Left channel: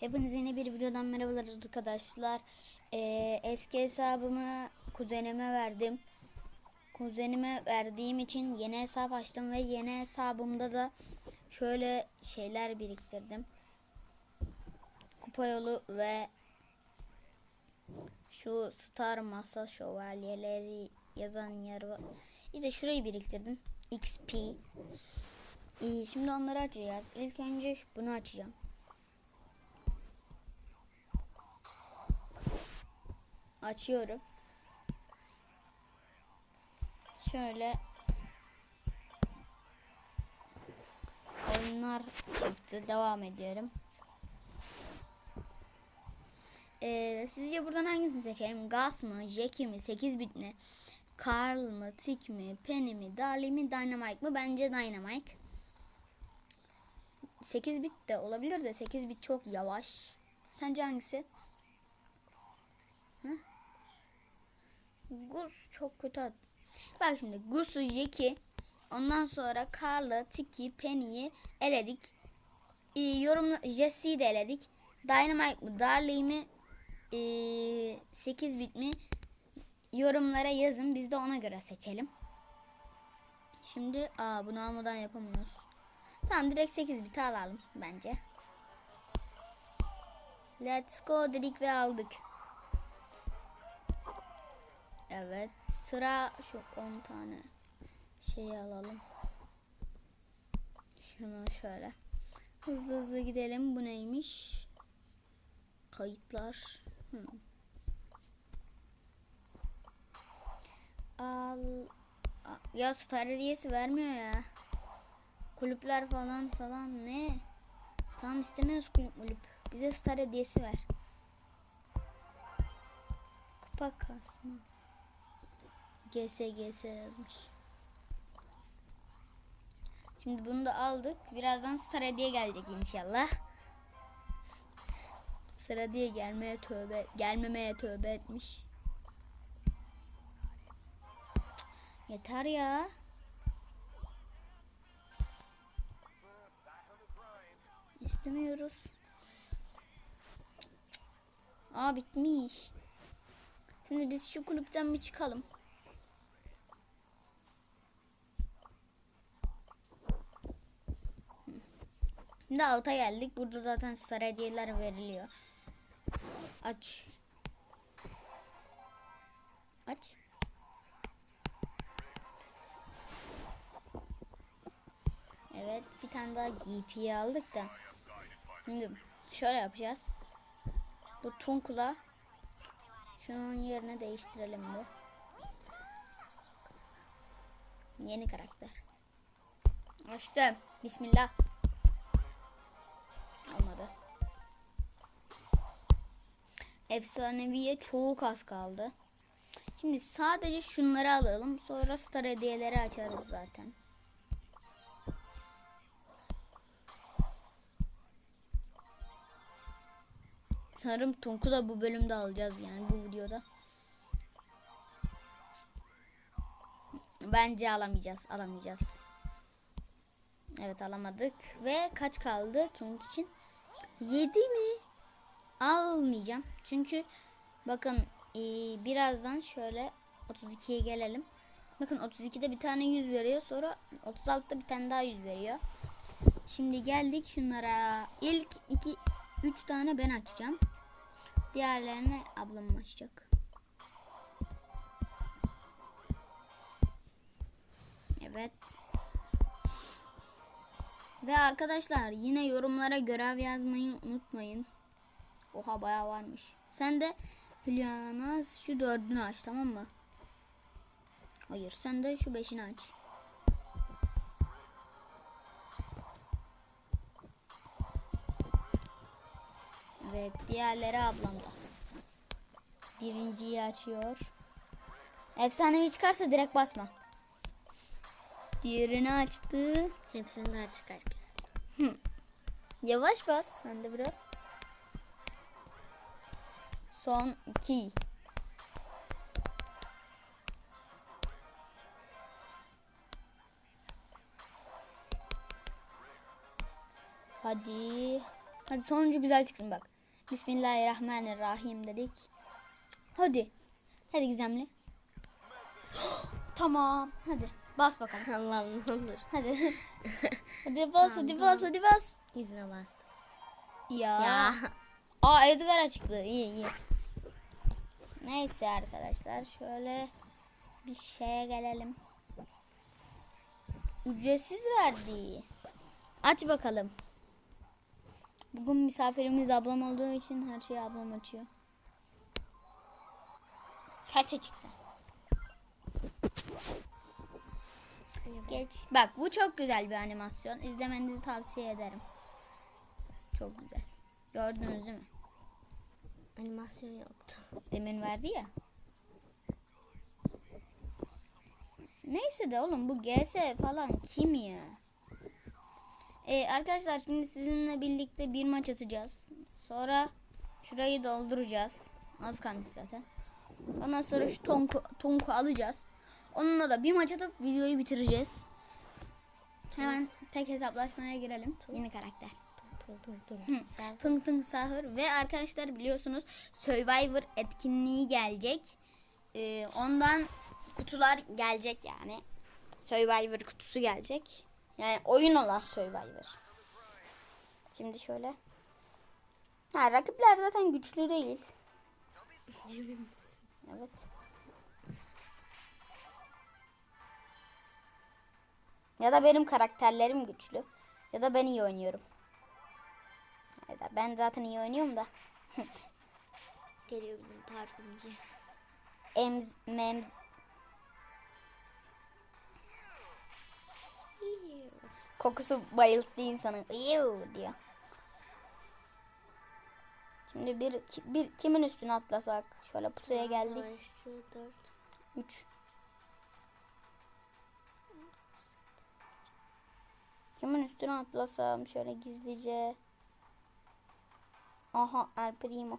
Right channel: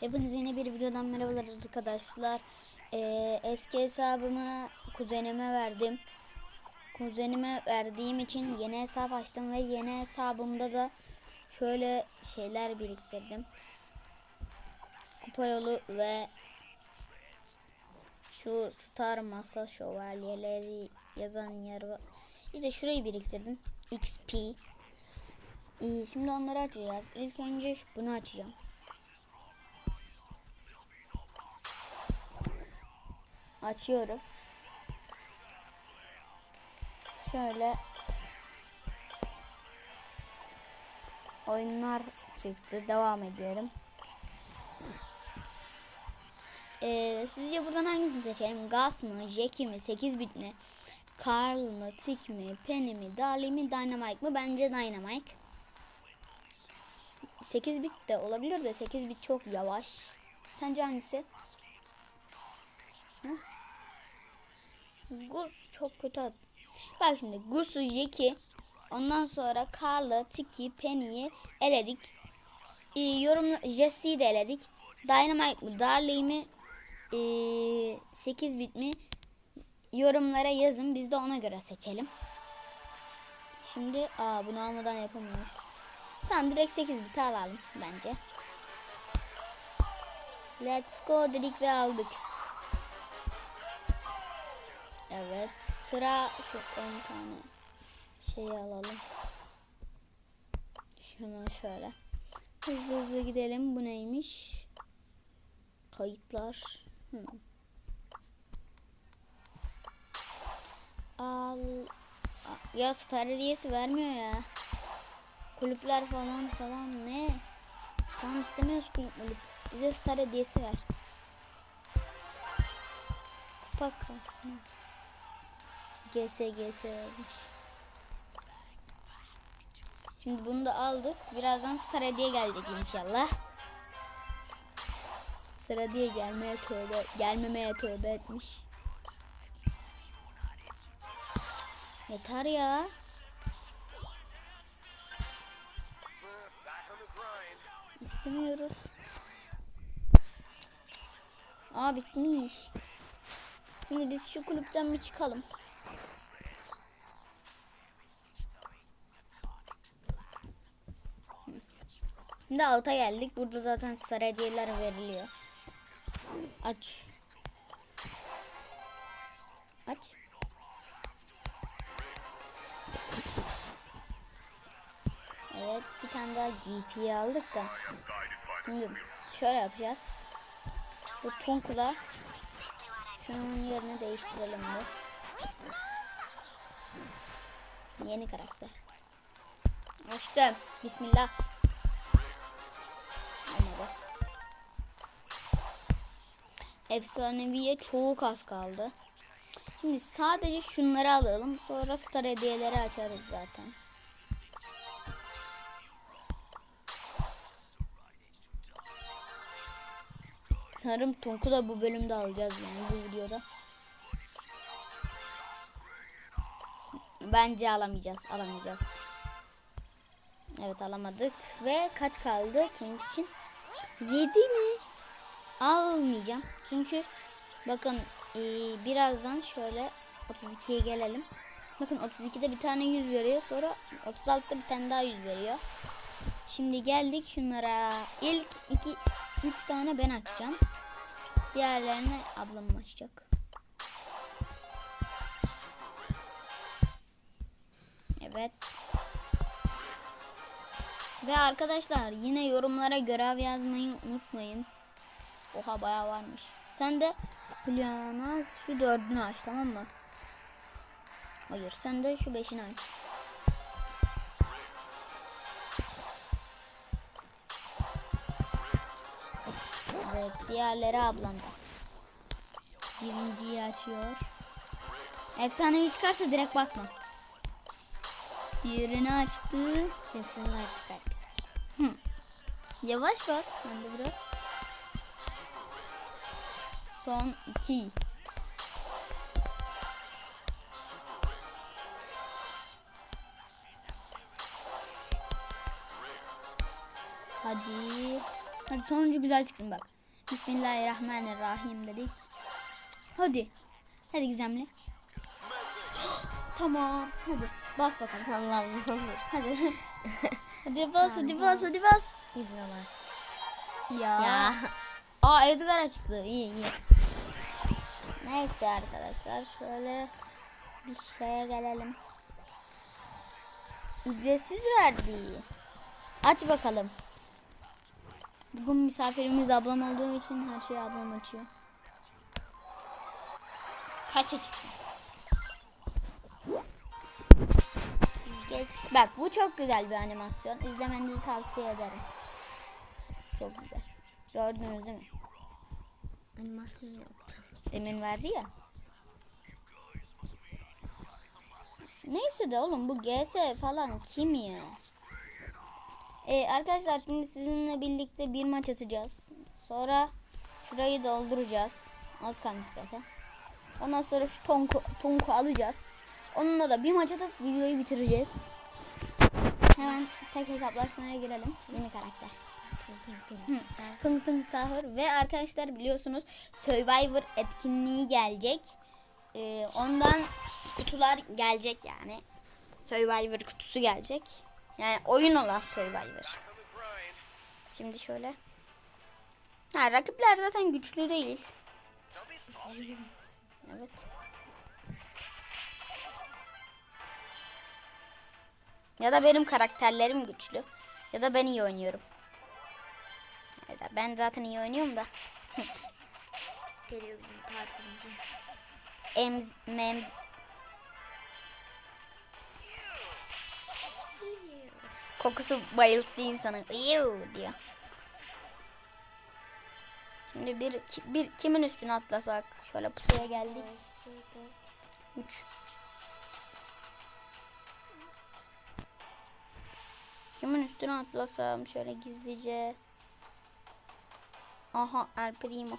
Hepinize yeni bir videodan merhabalar arkadaşlar. Ee, eski hesabımı kuzenime verdim. Kuzenime verdiğim için yeni hesap açtım ve yeni hesabımda da şöyle şeyler biriktirdim. Kupa yolu ve şu star masa şövalyeleri yazan yer var. İşte şurayı biriktirdim. XP. İyi, şimdi onları açacağız. İlk önce bunu açacağım. Açıyorum. Şöyle oyunlar çıktı. Devam ediyorum. Ee, sizce buradan hangisini seçelim? Gas mı? Jackie mi? 8 bit mi? Carl mı? Tick mi? Penny mi? Darly mi? Dynamite mı? Bence Dynamite. 8 bit de olabilir de 8 bit çok yavaş. Sence hangisi? Hı? Gus çok kötü. ad- Bak şimdi Gus'u Jackie ondan sonra Carl'ı, Tiki, Penny'yi eledik. Ee, yorum Jesse'yi de eledik. Dynamite mı, Darley mi, ee, 8 bit mi? Yorumlara yazın. Biz de ona göre seçelim. Şimdi aa bunu almadan yapamıyoruz. Tamam direkt 8 bit alalım bence. Let's go dedik ve aldık. Evet. Sıra şu 10 tane şeyi alalım. Şunu şöyle. Hızlı hızlı gidelim. Bu neymiş? Kayıtlar. Hmm. Al. Ya star hediyesi vermiyor ya. Kulüpler falan falan ne? Tamam istemiyoruz kulüp mulüp. Bize star hediyesi ver. Kupa kasma. GSGS yazmış. Şimdi bunu da aldık. Birazdan star hediye gelecek inşallah. Sıra diye gelmeye tövbe, gelmemeye tövbe etmiş. Yeter ya. İstemiyoruz. Aa bitmiş. Şimdi biz şu kulüpten bir çıkalım. Şimdi alta geldik. Burada zaten sarı hediyeler veriliyor. Aç. Aç. Evet bir tane daha GP aldık da. Şimdi şöyle yapacağız. Bu Tunkula şunun yerini değiştirelim de. Yeni karakter. Açtım. Bismillah. Efsaneviye çok az kaldı. Şimdi sadece şunları alalım. Sonra star hediyeleri açarız zaten. Sanırım Tonk'u da bu bölümde alacağız yani bu videoda. Bence alamayacağız. Alamayacağız. Evet alamadık. Ve kaç kaldı Tonk için? 7 mi? Almayacağım. Çünkü bakın e, birazdan şöyle 32'ye gelelim. Bakın 32'de bir tane 100 veriyor. Sonra 36'da bir tane daha 100 veriyor. Şimdi geldik şunlara. İlk 2 3 tane ben açacağım. Diğerlerini ablam açacak. Evet. Ve arkadaşlar yine yorumlara görev yazmayı unutmayın. Oha bayağı varmış. Sen de Hülyana şu dördünü aç tamam mı? Hayır sen de şu beşini aç. Evet diğerleri ablamda. Birinciyi açıyor. Efsanevi çıkarsa direkt basma. Diğerini açtı. Hepsinden açık herkes. Yavaş bas sen de biraz. Son iki. Hadi. Hadi sonuncu güzel çıksın bak. Bismillahirrahmanirrahim dedik. Hadi. Hadi gizemli. tamam. Hadi bas bakalım. Allah'ım ne olur. Hadi. hadi bas hadi bas hadi bas. Yüzüne bastı. Ya. Ya. Aa Edgar'a çıktı. İyi iyi. Neyse arkadaşlar şöyle bir şeye gelelim. Ücretsiz verdi. Aç bakalım. Bugün misafirimiz ablam olduğu için her şeyi ablam açıyor. Kaça çıktı? Geç. Bak bu çok güzel bir animasyon. İzlemenizi tavsiye ederim. Çok güzel. Gördünüz değil mi? Animasyon yaptım. Demin verdi ya. Neyse de oğlum bu GS falan kim ya? Ee, arkadaşlar şimdi sizinle birlikte bir maç atacağız. Sonra şurayı dolduracağız. Az kalmış zaten. Ondan sonra şu tonku, tonku alacağız. Onunla da bir maç atıp videoyu bitireceğiz. Hemen tek hesaplaşmaya girelim. Yeni karakter. Tung Tung Sahur ve arkadaşlar biliyorsunuz Survivor etkinliği gelecek. Ee, ondan kutular gelecek yani. Survivor kutusu gelecek. Yani oyun olan Survivor. Şimdi şöyle. Ha, rakipler zaten güçlü değil. Evet. Ya da benim karakterlerim güçlü. Ya da ben iyi oynuyorum. Ya da ben zaten iyi oynuyorum da. Geliyor bizim parfümcü. Ems, mems. Kokusu bayılttı insanı. Iyu diyor. Şimdi bir, bir kimin üstüne atlasak? Şöyle pusuya geldik. 3. Kimin üstüne atlasam şöyle gizlice. Aha El Primo.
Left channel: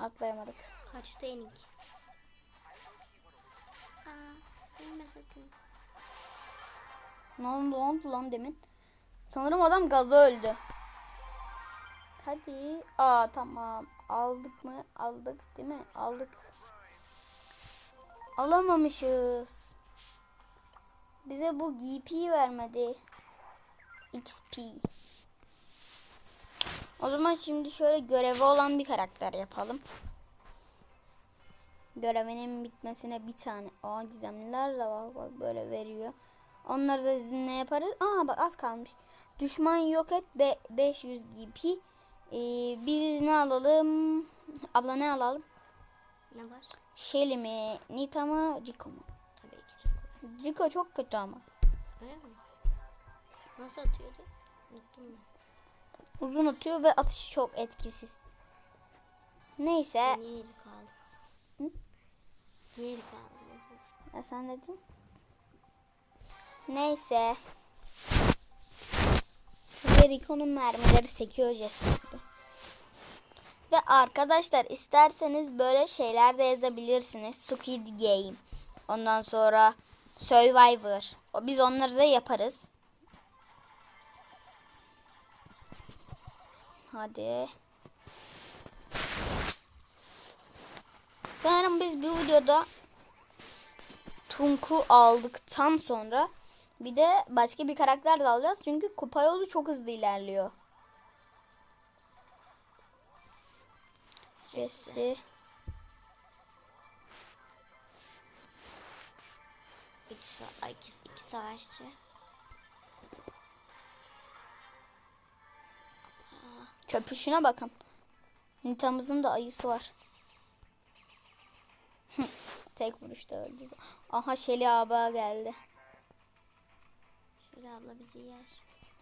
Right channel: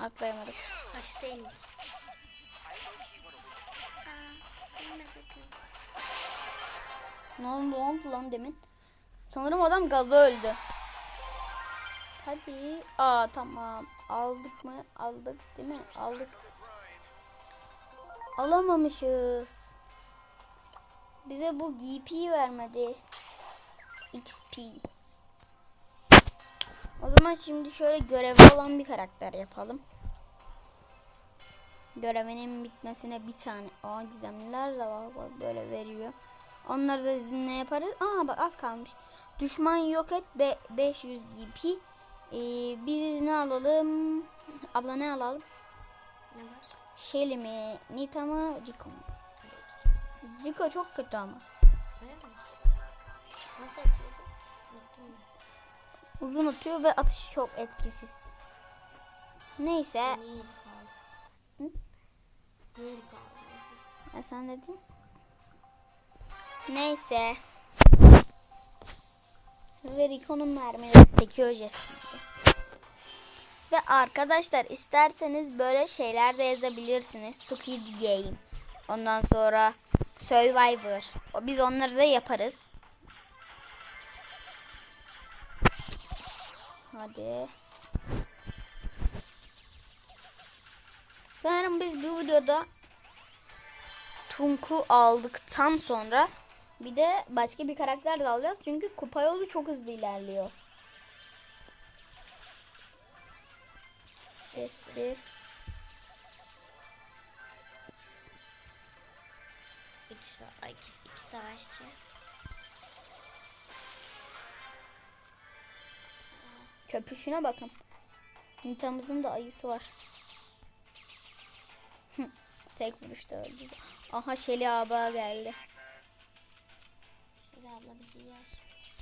Atlayamadık. Kaçta indik? Ne oldu, ne oldu lan demin? Sanırım adam gazda öldü. Hadi. Aa tamam. Aldık mı? Aldık değil mi? Aldık. Alamamışız. Bize bu GP vermedi. XP. O zaman şimdi şöyle görevi olan bir karakter yapalım. Görevinin bitmesine bir tane. Aa gizemliler de var. Bak böyle veriyor. Onları da sizinle yaparız. Aa bak az kalmış. Düşman yok et be 500 GP. Ee, biz ne alalım? Abla ne alalım? Ne var? Shelly mi? Nita mı? Rico mu? Rico çok kötü ama. Öyle mi? Nasıl atıyordu? Uzun atıyor ve atışı çok etkisiz. Neyse. Hı? Ya sen dedin. Neyse. Ve Rico'nun mermileri sekiyor Jesus'u. Ve arkadaşlar isterseniz böyle şeyler de yazabilirsiniz. Squid Game. Ondan sonra Survivor. Biz onları da yaparız. Hadi. Sanırım biz bir videoda Tunku aldıktan sonra bir de başka bir karakter de alacağız. Çünkü kupa yolu çok hızlı ilerliyor. Jesse. İki savaşçı. Köpüşüne bakın. Nita'mızın da ayısı var. Tek vuruşta öldü. Aha Şeli abla geldi. Şöyle abla bizi yer.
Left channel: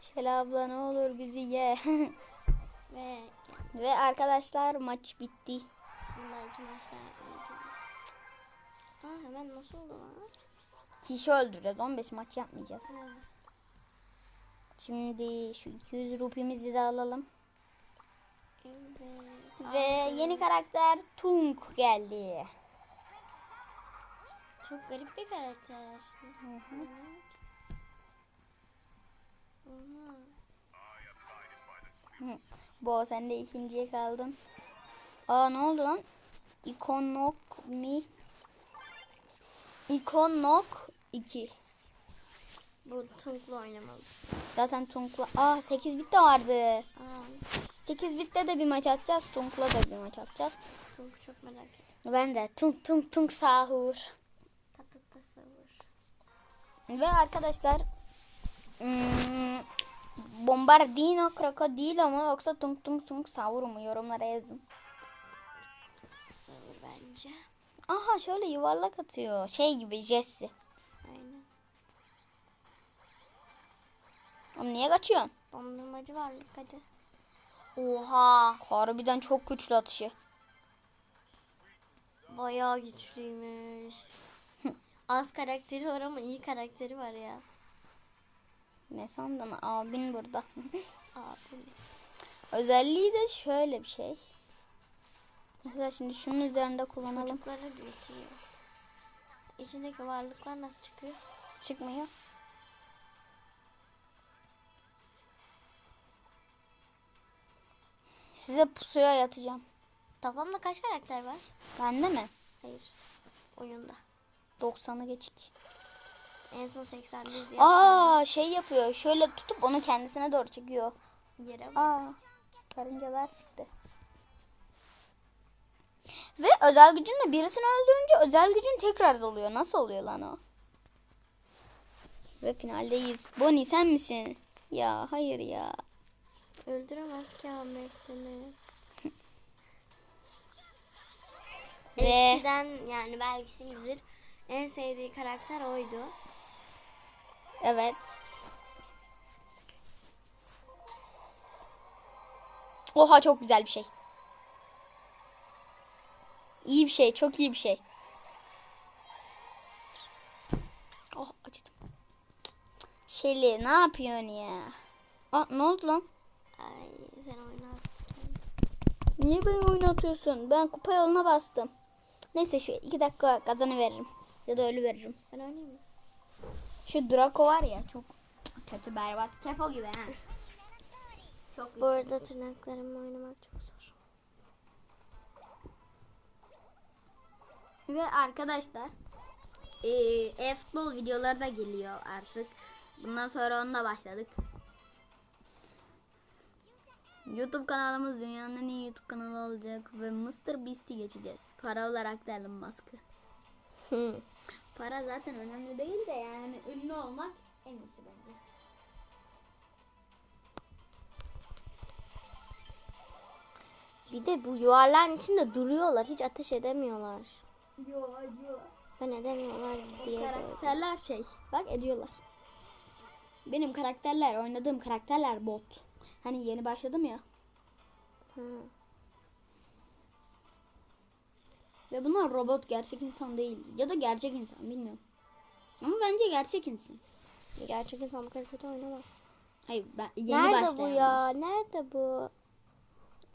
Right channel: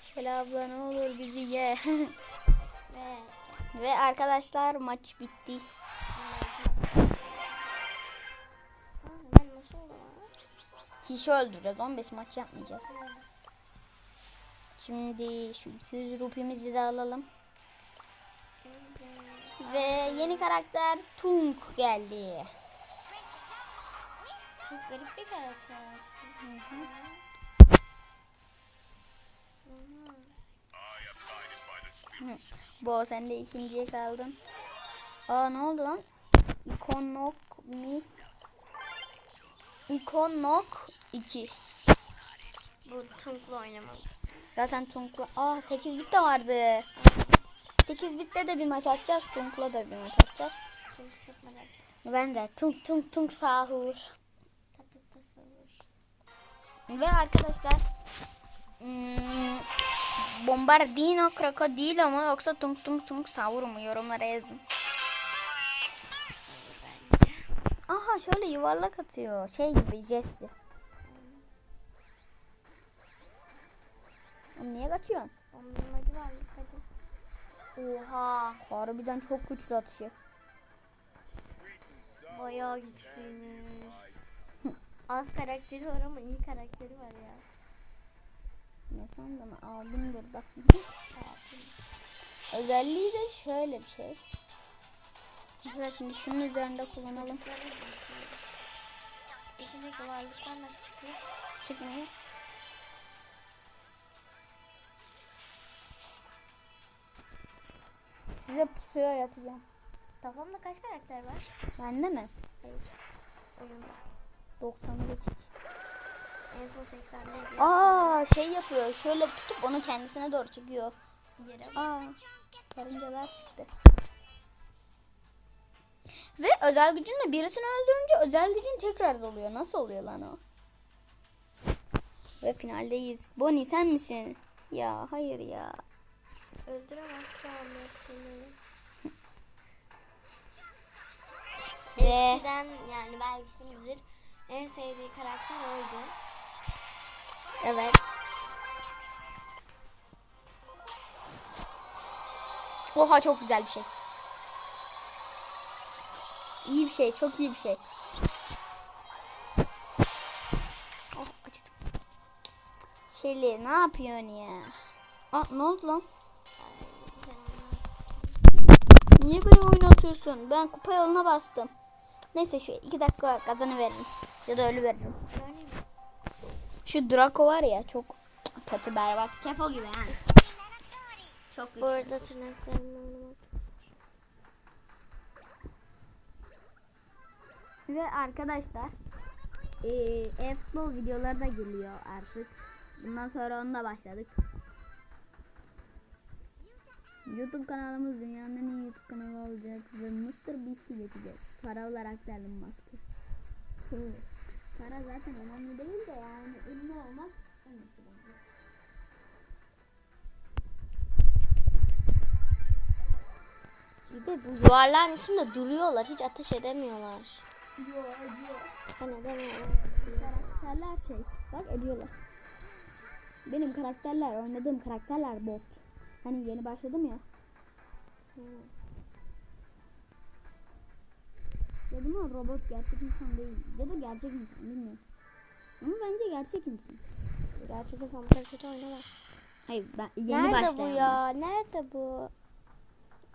Şeli abla ne olur bizi ye. Ve Ve arkadaşlar maç bitti. Kişi öldüreceğiz. 15 maç yapmayacağız. Şimdi şu 200 rupimizi de alalım. Ve yeni karakter Tunk geldi. Çok garip bir karakter. Bo sen de ikinciye kaldın. Aa ne oldu lan? İkonok mi? İkonok 2. Bu Tunk'la oynamalısın. Zaten Tunk'la... Aa 8 bit de vardı. 8 bitte de bir maç atacağız. Tunk'la da bir maç atacağız. Tunk çok merak ettim. Ben de Tunk Tunk Tunk sahur. Tatlı tasavvur. Ve arkadaşlar hmm, Bombardino krokodilo mu yoksa Tung Tung Tung sahur mu yorumlara yazın. Bence. Aha şöyle yuvarlak atıyor. Şey gibi Jesse. Aynen. Oğlum niye kaçıyorsun? Dondurmacı varlık hadi. Oha. Harbiden çok güçlü atışı. Bayağı güçlüymüş. Az karakteri var ama iyi karakteri var ya. Ne sandın abin burada. Abi. Özelliği de şöyle bir şey. Mesela şimdi şunun üzerinde kullanalım. Çocuklara geçiyor. İçindeki varlıklar nasıl çıkıyor? Çıkmıyor. Size pusuya yatacağım. Toplamda kaç karakter var? Bende mi? Hayır. Oyunda. 90'ı geçik. En son 81 diye. Aa şey yapıyor. Şöyle tutup onu kendisine doğru çekiyor. Yere. Aa karıncalar çıktı. Ve özel gücünle birisini öldürünce özel gücün tekrar doluyor. Nasıl oluyor lan o? Ve finaldeyiz. Bonnie sen misin? Ya hayır ya. Öldüremez ki Ahmet seni. Ve Eskiden yani belki bilir. En sevdiği karakter oydu. evet. Oha çok güzel bir şey. İyi bir şey, çok iyi bir şey. Oh acıdım. Şeli ne yapıyorsun ya? Aa ne oldu lan? Niye beni oynatıyorsun? Ben kupa yoluna bastım. Neyse şu iki dakika kazanı veririm. Ya da ölü veririm. Şu Draco var ya çok kötü berbat. Kefo gibi ha. Çok Bu arada tırnaklarımla oynamak çok zor. Ve arkadaşlar e-futbol videoları da geliyor artık. Bundan sonra onunla başladık. YouTube kanalımız dünyanın en iyi YouTube kanalı olacak ve Mr. Beast'i geçeceğiz. Para olarak da Elon Musk'ı. Para zaten önemli değil de yani ünlü olmak en iyisi bence. Bir de bu yuvarlağın içinde duruyorlar. Hiç ateş edemiyorlar. Ben edemiyorlar diye. Karakterler şey. Bak ediyorlar. Benim karakterler, oynadığım karakterler bot. Hani yeni başladım ya. Hı. Ve bunlar robot gerçek insan değil. Ya da gerçek insan bilmiyorum. Ama bence gerçek insan. Gerçek insan bu kadar kötü oynamaz. Hayır ben yeni Nerede bu ya? Nerede bu?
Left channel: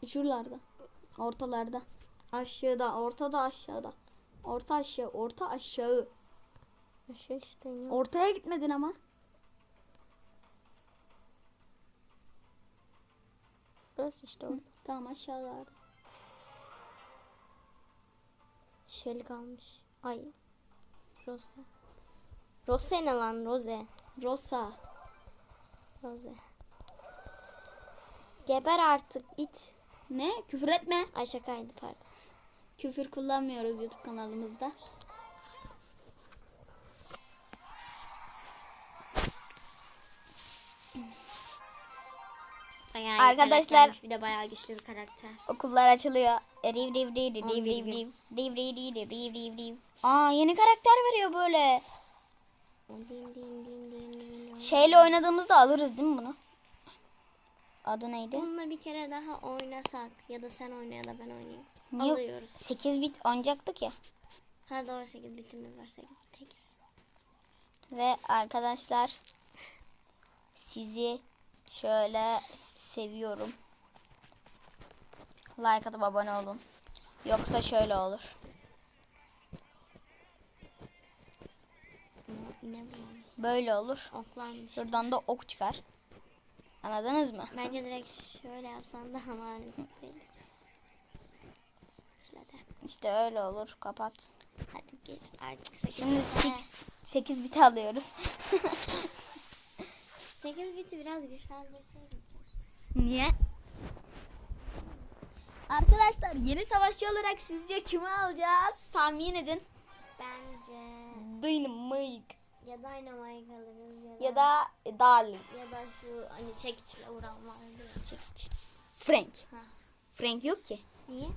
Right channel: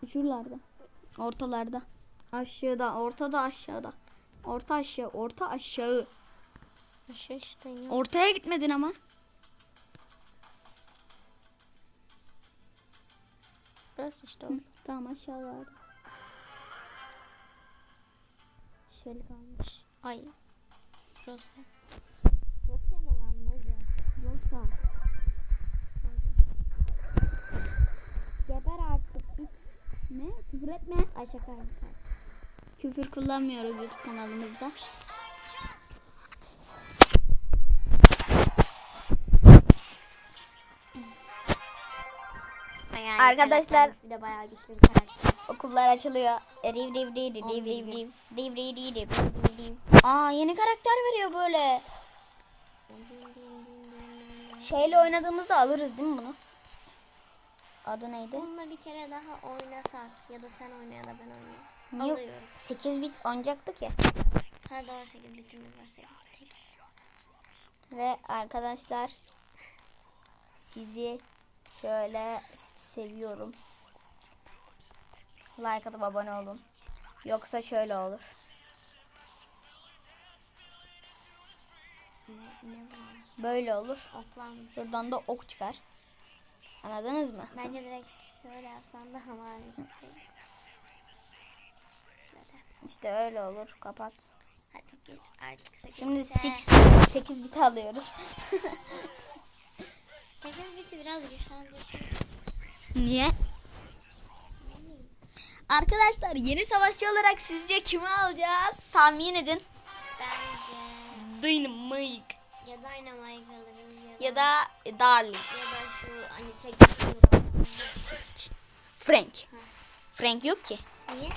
Şuralarda. Ortalarda. Aşağıda, ortada aşağıda. Orta aşağı, orta aşağı. Aşağı işte ya. Ortaya gitmedin ama. Burası işte o. Tamam aşağılarda. Şöyle kalmış. Ay. Rose. Rose ne lan Rose? Rosa. Rose. Geber artık it. Ne? Küfür etme. Ay şakaydı pardon. Küfür kullanmıyoruz YouTube kanalımızda. Arkadaşlar- Bir de bayağı güçlü bir karakter. Okullar açılıyor. Riv riv riv riv riv riv riv riv riv riv riv riv riv. Aa yeni karakter veriyor böyle. Şeyle oynadığımızda alırız değil mi bunu? Adı neydi? Bununla bir kere daha oynasak ya da sen oyna ya da ben oynayayım. Niye? Alıyoruz. 8 bit oynayacaktık ya. Ha doğru 8 bitimiz var 8 tek. Ve arkadaşlar sizi şöyle seviyorum. Like atıp abone olun. Yoksa şöyle olur. Böyle olur. Offline. Şuradan da ok çıkar. Anladınız mı? Bence direkt şöyle yapsan daha mantıklı. İşte öyle olur. Kapat. Hadi geç artık. Şimdi bite. 8 8 bit alıyoruz. Sekiz biti biraz güçlendirsin. Niye? Arkadaşlar yeni savaşçı olarak sizce kimi alacağız? Tahmin edin. Bence Dynamite ya Dynamite alırız ya da ya da Darling. ya da şu hani vuran Frank. Frank yok ki. Niye?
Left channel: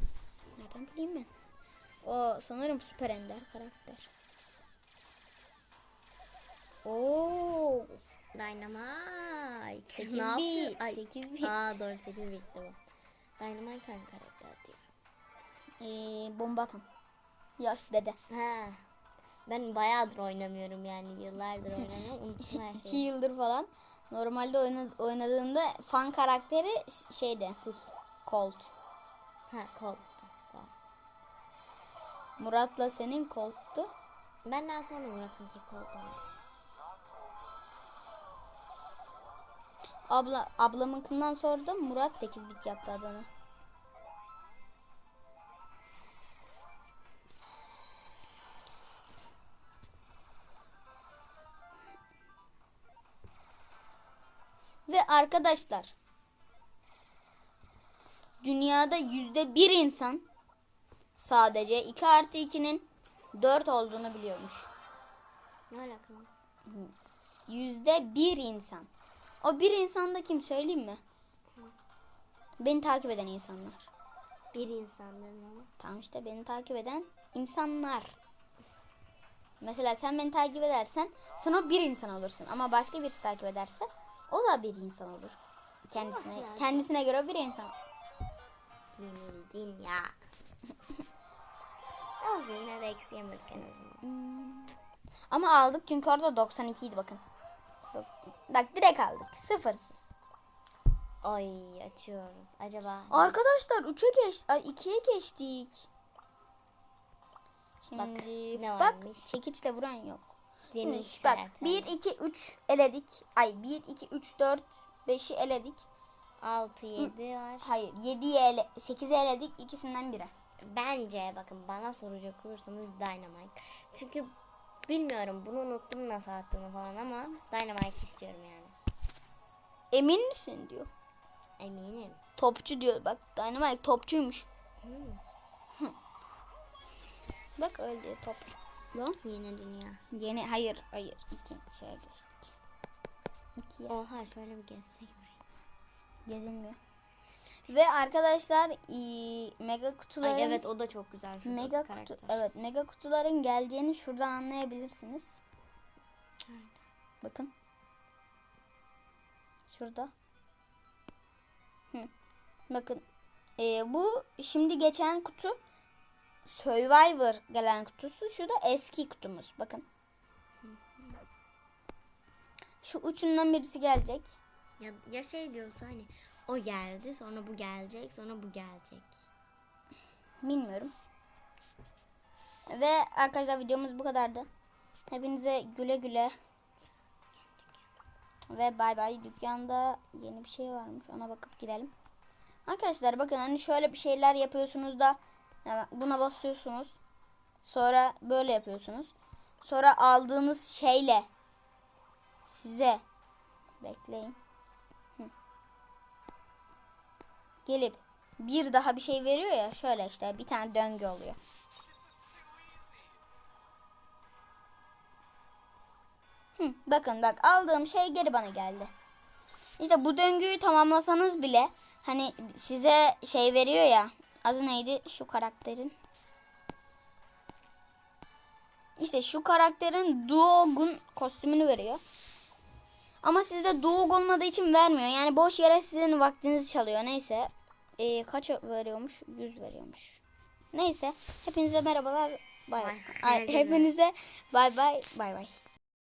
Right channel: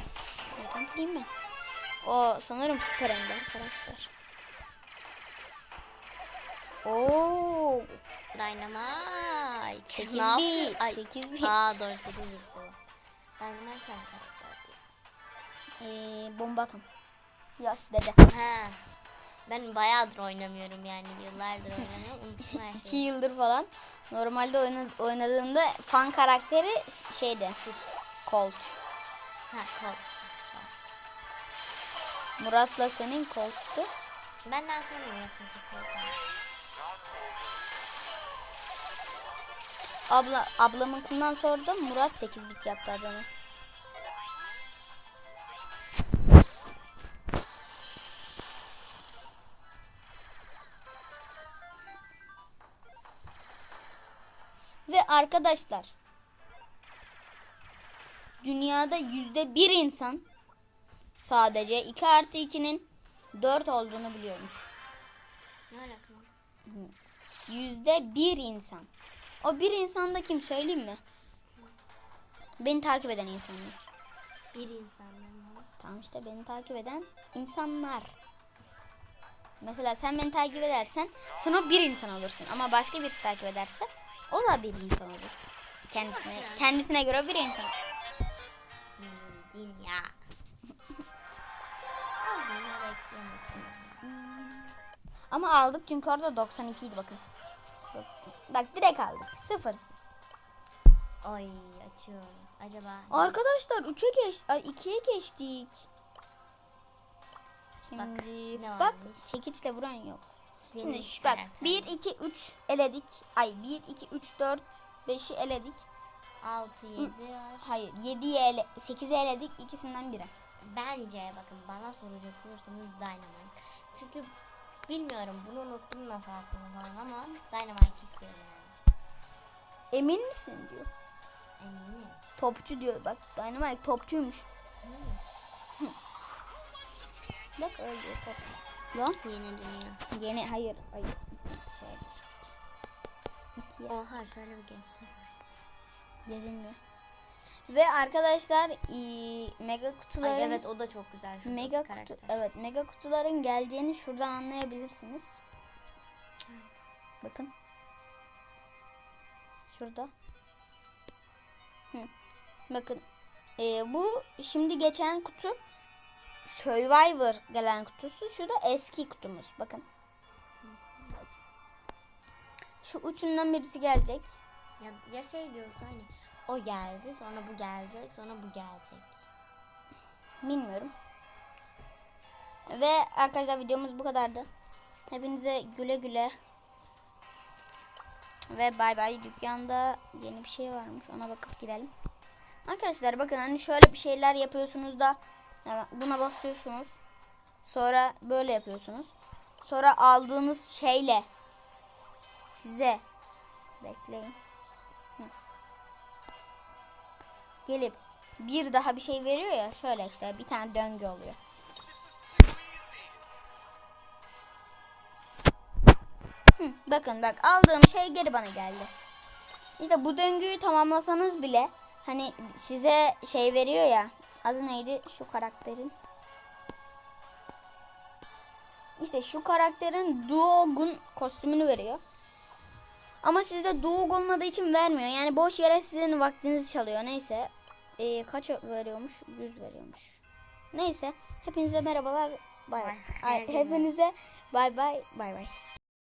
Nereden bileyim ben? O sanırım süper ender karakter. Oo, Dynamite. 8 Ne bit. Ay, 8 bit. Aa doğru 8 bit bu. Dynamite hangi karakterdi? Ee, bomba atan. Yaş dede. Ha. Ben bayağıdır oynamıyorum yani yıllardır oynamıyorum. Unuttum her 2 şeyi. yıldır falan. Normalde oyna, oynadığında fan karakteri şeydi. Colt. Ha kol. Murat'la senin Colt'tu. Benden sonra Murat'ın ki Abla ablamınkinden sordum. Murat 8 bit yaptı adamı. Ve arkadaşlar dünyada yüzde bir insan sadece 2 artı 2'nin 4 olduğunu biliyormuş. Ne alaka lan? Yüzde bir insan. O bir insan da kim söyleyeyim mi? Beni takip eden insanlar. Bir insan benim ama. Tamam işte beni takip eden insanlar. Mesela sen beni takip edersen sen o bir insan olursun. Ama başka birisi takip ederse o da bir insan olur. Kendisine kendisine göre bir insan. Bildin ya. Olsun yine yemek azından. Ama aldık çünkü orada 92 idi bakın. Bak, direkt aldık. Sıfırsız. Ay açıyoruz. Acaba Arkadaşlar 3'e geç, ay 2'ye geçtik. Şimdi ne bak varmış? çekiçle vuran yok. Şimdi şu bak karakter. 1 2 3 eledik. Ay 1 2 3 4 5'i eledik. 6 7 var. Hayır 7'yi ele 8'i eledik ikisinden biri. Bence bakın bana soracak olursanız Dynamite. Çünkü bilmiyorum bunu unuttum nasıl attığını falan ama Dynamite istiyorum yani. Emin misin diyor. Eminim. Topçu diyor bak Dynamite topçuymuş. Hı. Bak öyle diyor top. Lan Yeni dünya. yeni hayır hayır iki şey geçtik. İkiye Oha şöyle bir gezsek. gezilmiyor. Ve arkadaşlar mega kutuların Ay evet o da çok güzel. Şu Mega karakter. kutu evet mega kutuların geleceğini şuradan anlayabilirsiniz. Bakın. Şurada. Hı. Bakın. Ee, bu şimdi geçen kutu Survivor gelen kutusu. Şu da eski kutumuz. Bakın. Şu üçünden birisi gelecek. Ya, ya şey diyorsa hani o geldi sonra bu gelecek sonra bu gelecek. Bilmiyorum. Ve arkadaşlar videomuz bu kadardı. Hepinize güle güle. Ve bay bay. Dükkanda yeni bir şey varmış. Ona bakıp gidelim. Arkadaşlar bakın hani şöyle bir şeyler yapıyorsunuz da buna basıyorsunuz. Sonra böyle yapıyorsunuz. Sonra aldığınız şeyle size bekleyin. Gelip bir daha bir şey veriyor ya şöyle işte bir tane döngü oluyor. Hı, bakın bak aldığım şey geri bana geldi. İşte bu döngüyü tamamlasanız bile hani size şey veriyor ya adı neydi şu karakterin? İşte şu karakterin Duogun kostümünü veriyor. Ama sizde Duog olmadığı için vermiyor. Yani boş yere sizin vaktinizi çalıyor. Neyse. Ee, kaç veriyormuş? 100 veriyormuş. Neyse. Hepinize merhabalar. Bay bay. Ay, Ay, Hepinize bay bay. Bay bay.